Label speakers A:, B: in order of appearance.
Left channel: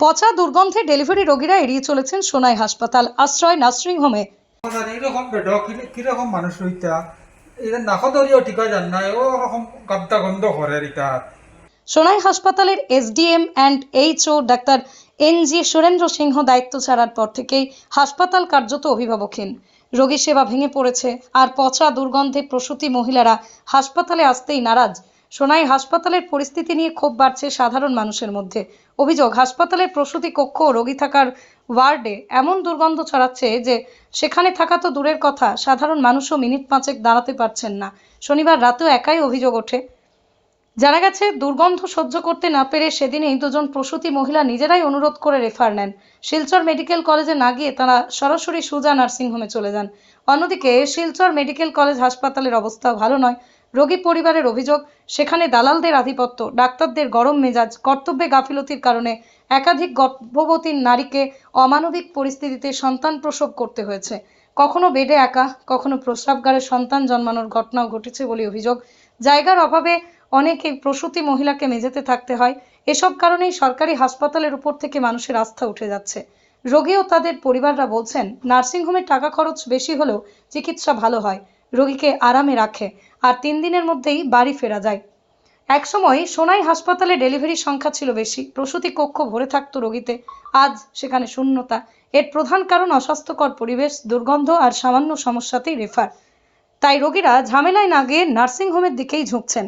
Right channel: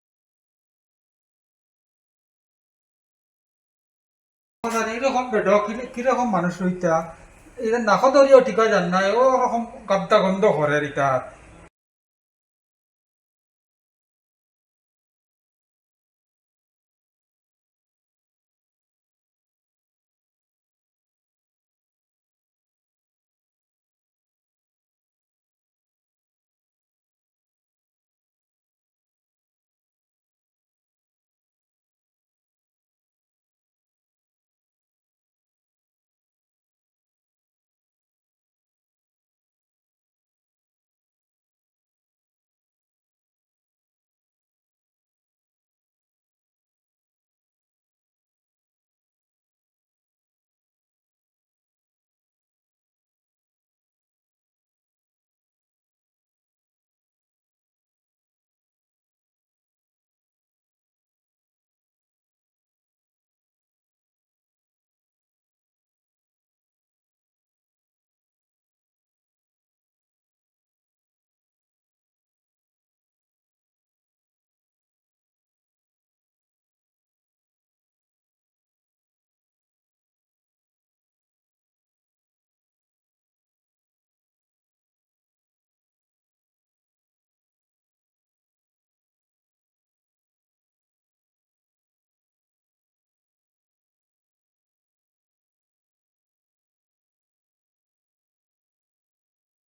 A: পচা দুর্গন্ধে ডেলিভারি রোগীরা এড়িয়ে চলেছেন সোনাই হাসপাতাল। আশ্রয় নার্সিং হোমে।
B: আর এইরকম কীরকম মানুষ হইতা? নাকদরিও ঠিক না ও রকম গাদ্দা গন্ধ করে
A: সোনাই হাসপাতালের এসডিএম অ্যান্ড এইচও ডাক্তার এন জি সুরেন্দ্র সিংহ দায়িত্ব ছাড়ার পর থেকেই হাসপাতাল কার্যত অভিভাবকহীন। রোগী সেবা ভেঙে পড়েছে। আর পচা দুর্গন্ধে প্রসূতি মহিলারা হাসপাতালে আসতেই নারাজ। সোনাই, হাসপাতালের পরিস্থিতি নিয়ে ক্ষোভ বাড়ছে সাধারণ মানুষের মধ্যে। অভিযোগ, হাসপাতালের প্রসূতি কক্ষ রোগী থাকার ওয়ার্ডে এমন দুর্গন্ধ ছড়াচ্ছে যে সেখানে থাকা তো দূরের কথা, সাধারণ মানুষও মিনিট পাঁচেক দাঁড়াতে পারছেন না। শনিবার রাতেও একাই অভিযোগ ওঠে। জানা গেছে, দুর্গন্ধ সহ্য করতে না পেরে সেদিনই দুজন প্রসূতি মহিলা নিজেরাই অনুরোধ করে রেফার নেন। শিলচর মেডিকেল কলেজে না গিয়ে তারা সরাসরি সুজা নার্সিংহোমে চলে যান। অন্যদিকে, শিলচর মেডিকেল কলেজ হাসপাতালের অবস্থা ভালো নয়। রোগী পরিবারের অভিযোগ, সেখানে দালালদের আধিপত্য, ডাক্তারদের গরম মেজাজ, কর্তব্যে গাফিলতির কারণে একাধিক গর্ভবতী নারীকে অমানবিক পরিস্থিতিতে সন্তান প্রসব করতে হয়েছে। কখনো বেডে একা, কখনো প্রস্রাবগারে সন্তান জন্মানোর ঘটনাও ঘটেছে বলে অভিযোগ। জায়গার অভাবে অনেকে প্রসূতি মহিলাকে মেঝেতে থাকতে হয়। এসব কারণেই সরকারি হাসপাতালের উপর থেকে মানুষের আস্থা উঠে যাচ্ছে। রোগী ও তাদের পরিবাররা বলছেন, নার্সিংহোমে টাকা খরচ বেশি হলেও চিকিৎসা ভালো হয়। রোগীকে আরামে রাখে আর তিন দিনের মধ্যেই বাড়ি ফেরা যায়। একসময় সোনাই হাসপাতালে ডেলিভারির সংখ্যা ছিল বেশি। প্রসূতি কক্ষ ভরে থাকতো রোগীতে। আজ সেখানে শূন্যতা। এর প্রধান কারণ অস্বাস্থ্যকর পরিবেশ, দুর্গন্ধ আর সামান্য সমস্যাতেই রেফার তাই রোগীরা ঝামেলায় না গিয়ে নার্সিংহোমের দিকেই ঝুঁকছেন।